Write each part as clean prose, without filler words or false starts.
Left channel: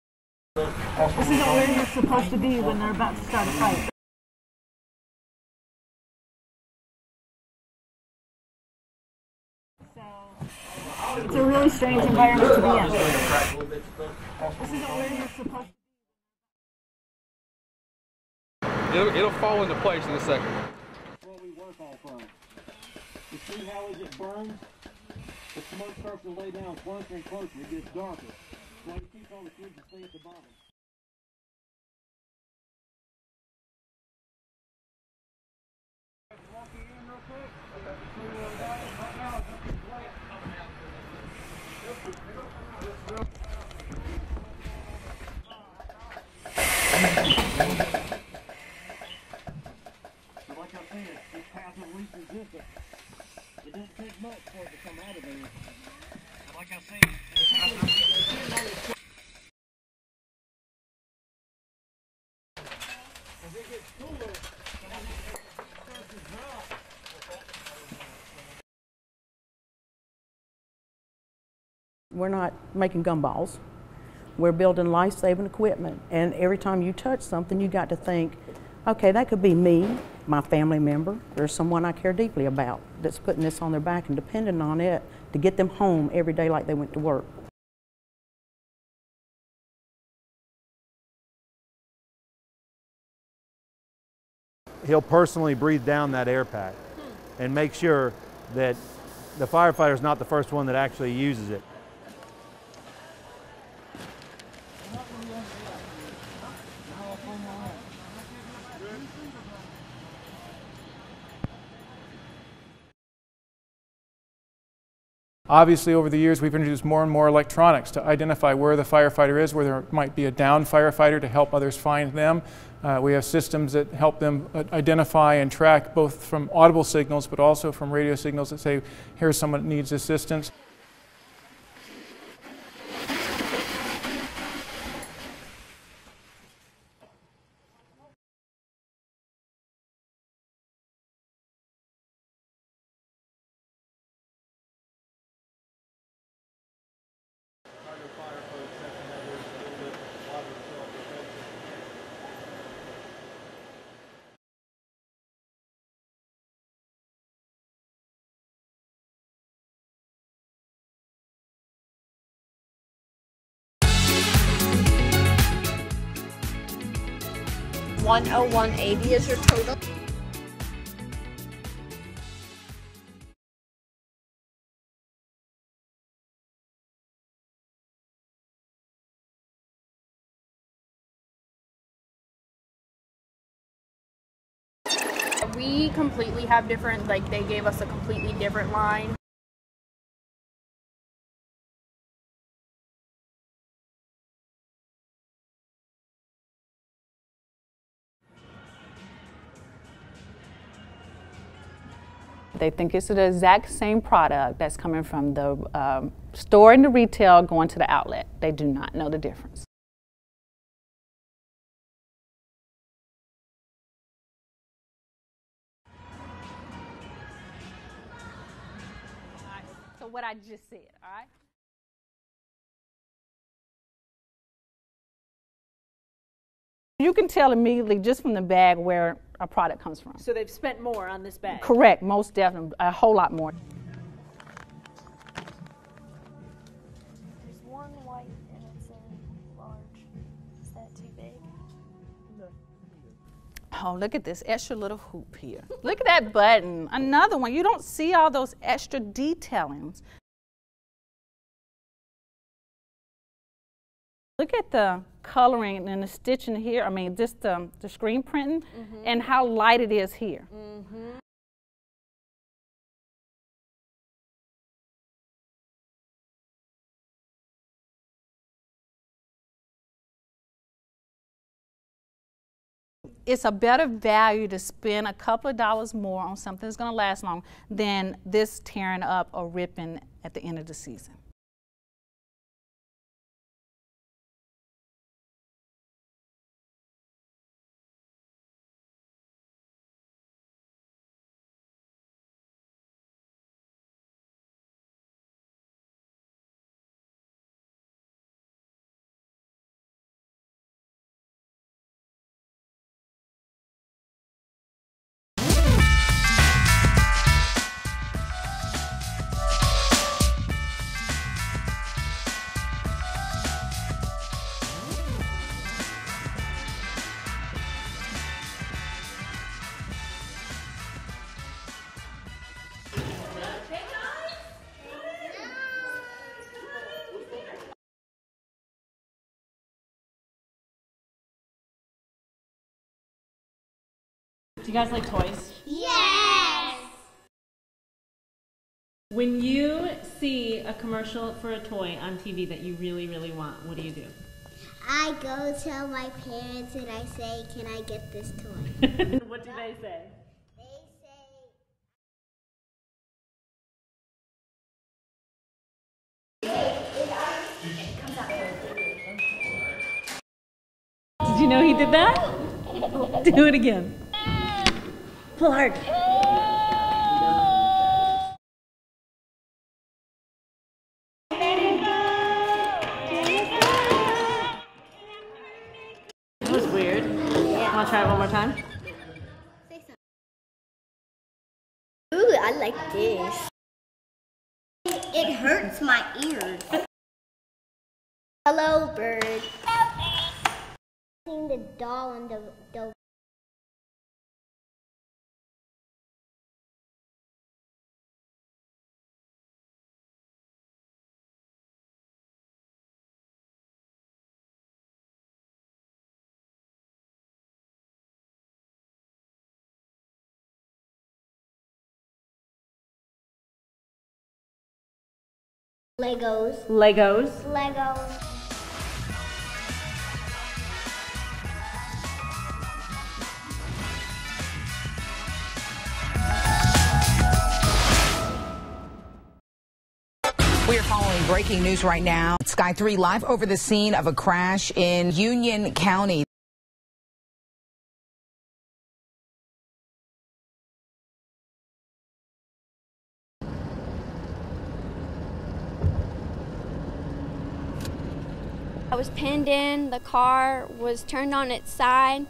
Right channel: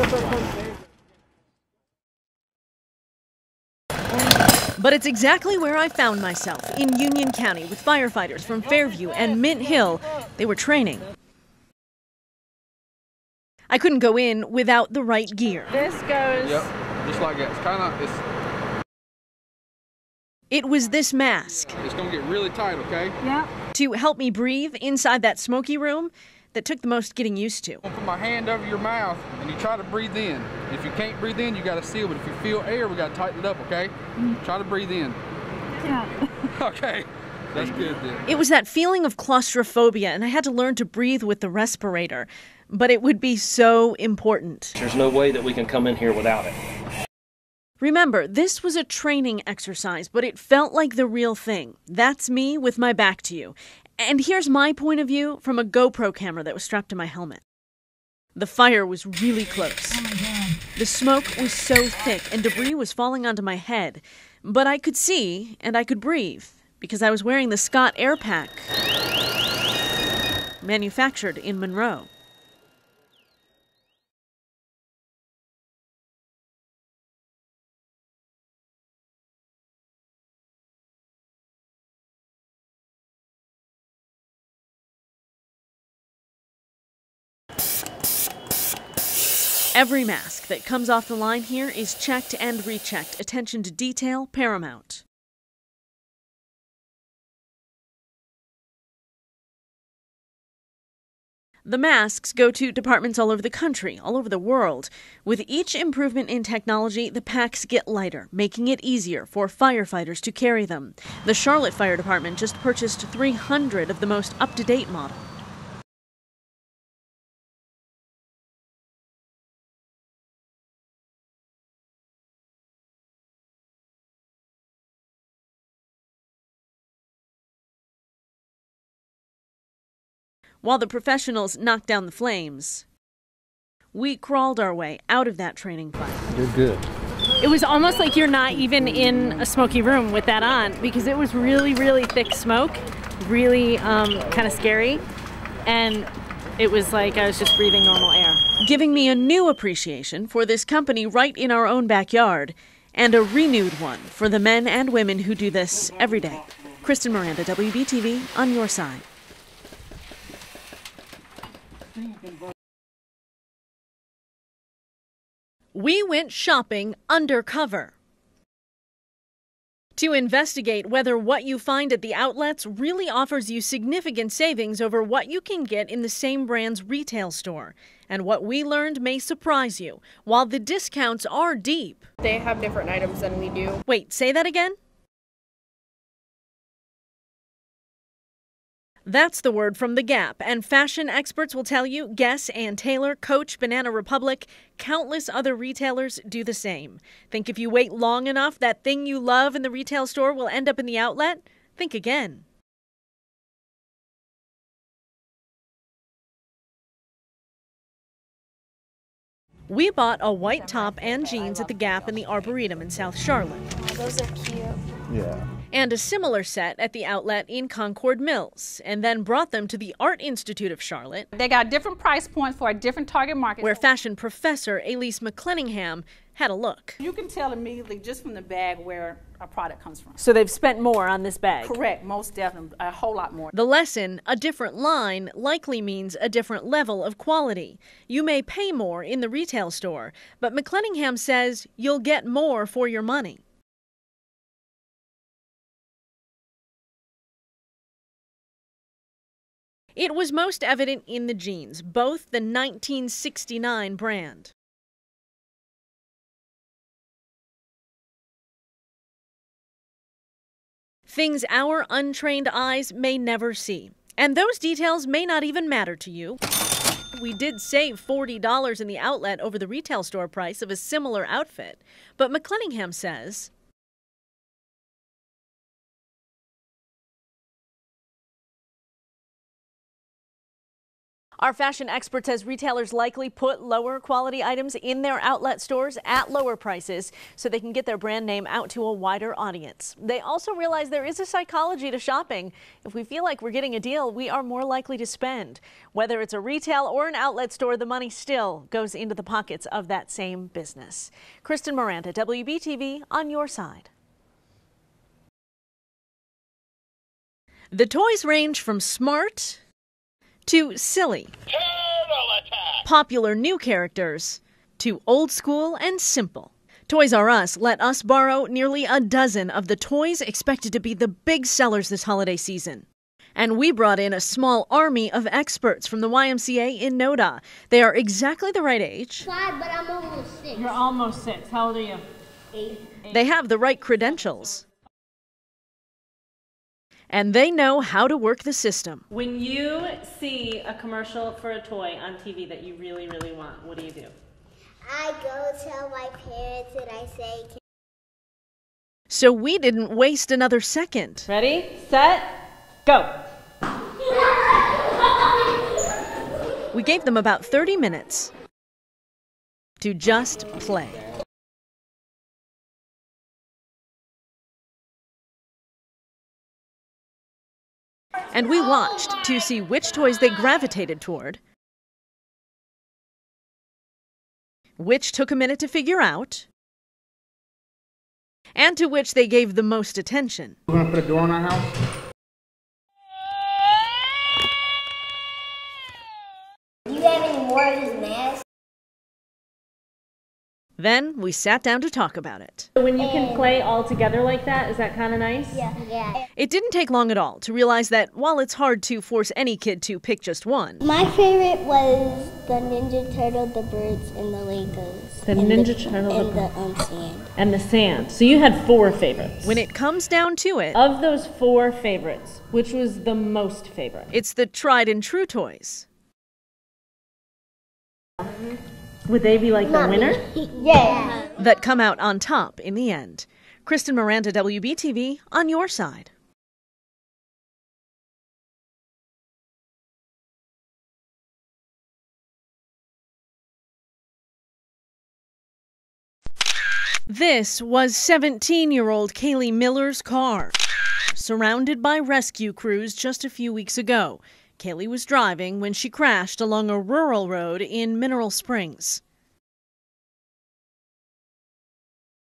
This isn't where you're supposed to be when they're about to start a fight. But it's exactly where I found myself, in Union County with firefighters from Fairview and Mint Hill. They were training. It's a really strange environment to be in. I couldn't go in without the right gear. This goes... Yep, just like that. It's kind of, it'll fall into place in a second. It was this mask. It's going to get really tight, okay? Yeah. To help me breathe inside that smoky room that took the most getting used to. Put my hand over your mouth and you try to breathe in. If you can't breathe in, you got to seal, but if you feel air, we got to tighten it up, okay? Try to breathe in. Yeah. Okay, that's good then. It was that feeling of claustrophobia, and I had to learn to breathe with the respirator. But it would be so important. There's no way that we can come in here without it. Remember, this was a training exercise, but it felt like the real thing. That's me with my back to you. And here's my point of view from a GoPro camera that was strapped to my helmet. The fire was really close. Oh my God. The smoke was so thick and debris was falling onto my head. But I could see and I could breathe because I was wearing the Scott Air Pack, manufactured in Monroe. We're not making gumballs. We're building life-saving equipment. And every time you touch something, you got to think, okay, that could be me, my family member. There's someone I care deeply about that's putting this on their back and depending on it to get them home every day like they went to work. Every mask that comes off the line here is checked and rechecked. Attention to detail, paramount. He'll personally breathe down that air pack and make sure that the firefighter's not the first one that actually uses it. The masks go to departments all over the country, all over the world. With each improvement in technology, the packs get lighter, making it easier for firefighters to carry them. The Charlotte Fire Department just purchased 300 of the most up-to-date models. Obviously, over the years, we've introduced more and more electronics to identify where the firefighter is, where there might be a downed firefighter to help others find them. We have systems that help them identify and track both from audible signals but also from radio signals that say, here's someone that needs assistance. While the professionals knocked down the flames, we crawled our way out of that training fire. You're good. It was almost like you're not even in a smoky room with that on because it was really, really thick smoke, really kind of scary. And it was like I was just breathing normal air. Giving me a new appreciation for this company right in our own backyard, and a renewed one for the men and women who do this every day. Kristen, Miranda, WBTV, on your side. We went shopping undercover. $101.80 is your total. To investigate whether what you find at the outlets really offers you significant savings over what you can get in the same brand's retail store. And what we learned may surprise you. While the discounts are deep. They have different items than we do. Wait, say that again? We completely have different, they gave us a completely different line. That's the word from The Gap, and fashion experts will tell you Guess, Ann Taylor, Coach, Banana Republic, countless other retailers do the same. Think if you wait long enough, that thing you love in the retail store will end up in the outlet? Think again. They think it's the exact same product that's coming from the store in the retail going to the outlet. They do not know the difference. We bought a white top and jeans at the Gap in the Arboretum in South Charlotte. Oh, those are cute. Yeah. And a similar set at the outlet in Concord Mills, and then brought them to the Art Institute of Charlotte. They got different price points for a different target market. Where fashion professor Elise McClenningham had a look. You can tell immediately just from the bag where a product comes from. So they've spent more on this bag? Correct, most definitely, a whole lot more. The lesson, a different line, likely means a different level of quality. You may pay more in the retail store, but McClenningham says you'll get more for your money. Oh, look at this extra little hoop here. Look at that button. Another one. You don't see all those extra detailing. It was most evident in the jeans, both the 1969 brand. Look at the coloring and the stitching here. I mean, just the screen printing and how light it is here. Things our untrained eyes may never see. And those details may not even matter to you. We did save $40 in the outlet over the retail store price of a similar outfit. But McClenningham says it's a better value to spend a couple of dollars more on something that's going to last long than this tearing up or ripping at the end of the season. Our fashion expert says retailers likely put lower quality items in their outlet stores at lower prices so they can get their brand name out to a wider audience. They also realize there is a psychology to shopping. If we feel like we're getting a deal, we are more likely to spend. Whether it's a retail or an outlet store, the money still goes into the pockets of that same business. Kristen, Miranda, WBTV, on your side. The toys range from smart to silly, popular new characters to old school and simple. Toys R Us let us borrow nearly a dozen of the toys expected to be the big sellers this holiday season. And we brought in a small army of experts from the YMCA in Noda. They are exactly the right age. 5, but I'm almost 6. You're almost 6. How old are you? 8. They have the right credentials. Do you guys like toys? Yes! And they know how to work the system. When you see a commercial for a toy on TV that you really, really want, what do? I go tell my parents and I say, can I get this toy? So we didn't waste another second. Ready, set, go. We gave them about 30 minutes to just play. Did you know he did that? Do it again. Pull hard. And we watched to see which toys they gravitated toward, which took a minute to figure out, That was weird. Want to try it one more time? and to which they gave the most attention. We're gonna put a door in our house. Ooh, I like this. It hurts my ears. You have any more of this mask? Hello, bird. Then we sat down to talk about it. When you can play all together like that, is that kind of nice? Yeah. It didn't take long at all to realize that while it's hard to force any kid to pick just one, My favorite was the Ninja Turtle, the birds, and the Legos. The Ninja Turtle, and the the sand. And the sand. So you had 4 favorites. when it comes down to it, Of those 4 favorites, which was the most favorite? it's the tried and true toys. Legos. Legos. Legos. Would they be like the winner? Yeah. that come out on top in the end. Kristen, Miranda, WBTV, on your side. We are following breaking news right now. Sky 3 live over the scene of a crash in Union County. This was 17-year-old Kaylee Miller's car, surrounded by rescue crews just a few weeks ago. Kaylee was driving when she crashed along a rural road in Mineral Springs. I was pinned in, the car was turned on its side,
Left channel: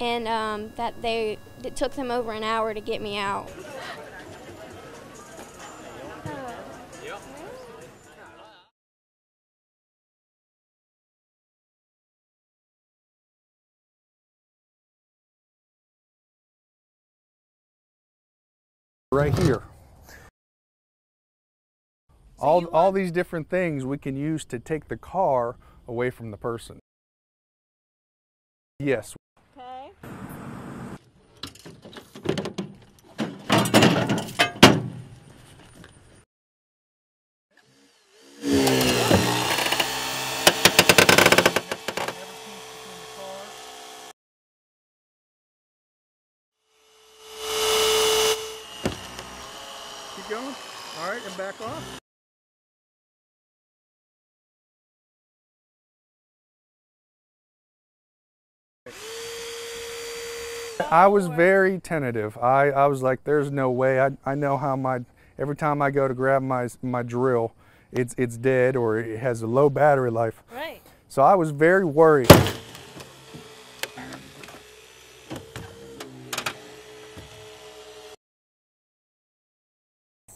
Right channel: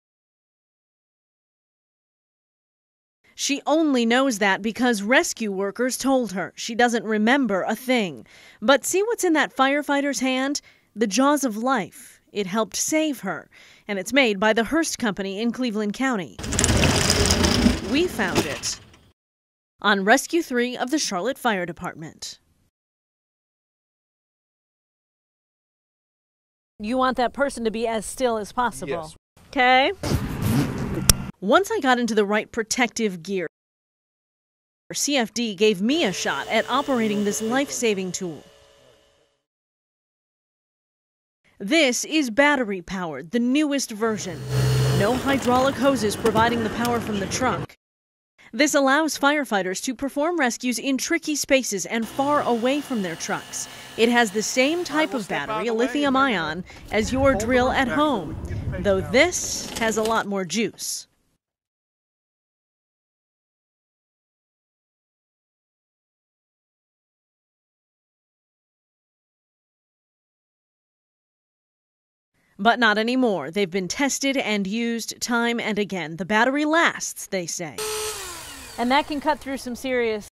and it took them over an hour to get me out. She only knows that because rescue workers told her. She doesn't remember a thing. But see what's in that firefighter's hand? The jaws of life. It helped save her, and it's made by the Hearst Company in Cleveland County. We found it right here on Rescue 3 of the Charlotte Fire Department. All these different things we can use to take the car away from the person. You want that person to be as still as possible. Yes. Okay. Once I got into the right protective gear, CFD gave me a shot at operating this life-saving tool. This is battery-powered, the newest version. No hydraulic hoses providing the power from the truck. This allows firefighters to perform rescues in tricky spaces and far away from their trucks. It has the same type of battery, a lithium-ion, as your drill at home, though this has a lot more juice. I was very tentative. I was like, there's no way. I know how every time I go to grab my drill, it's dead or it has a low battery life. Right. So I was very worried. But not anymore. They've been tested and used time and again. The battery lasts, they say. And that can cut through some serious...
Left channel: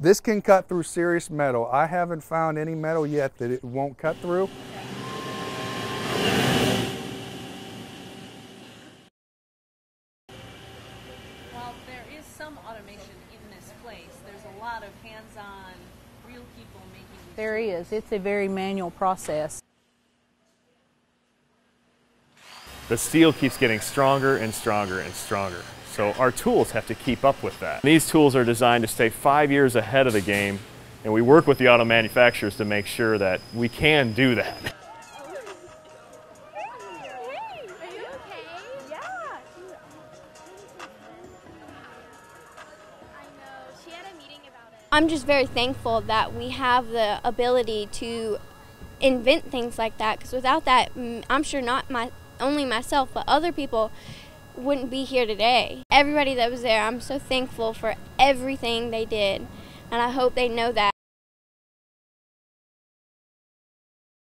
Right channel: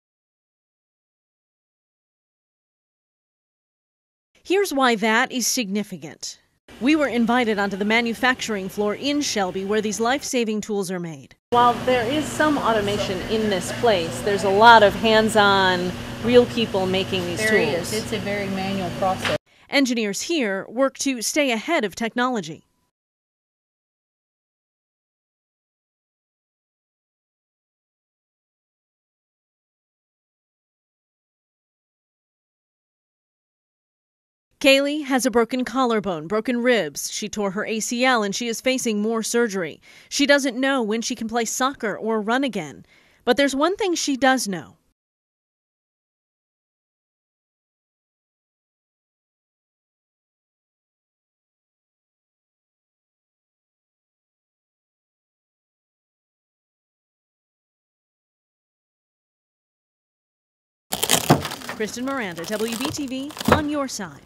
This can cut through serious metal. I haven't found any metal yet that it won't cut through. Here's why that is significant. We were invited onto the manufacturing floor in Shelby where these life-saving tools are made. While there is some automation in this place, there's a lot of hands-on, real people making these There tools. is. It's a very manual process. Engineers here work to stay ahead of technology. The steel keeps getting stronger and stronger and stronger. So our tools have to keep up with that. These tools are designed to stay 5 years ahead of the game, and we work with the auto manufacturers to make sure that we can do that. Kaylee has a broken collarbone, broken ribs. She tore her ACL and she is facing more surgery. She doesn't know when she can play soccer or run again. But there's one thing she does know. I'm just very thankful that we have the ability to invent things like that, because without that, I'm sure not only myself, but other people wouldn't be here today. Everybody that was there, I'm so thankful for everything they did, and I hope they know that. Kristen, Miranda, WBTV, on your side.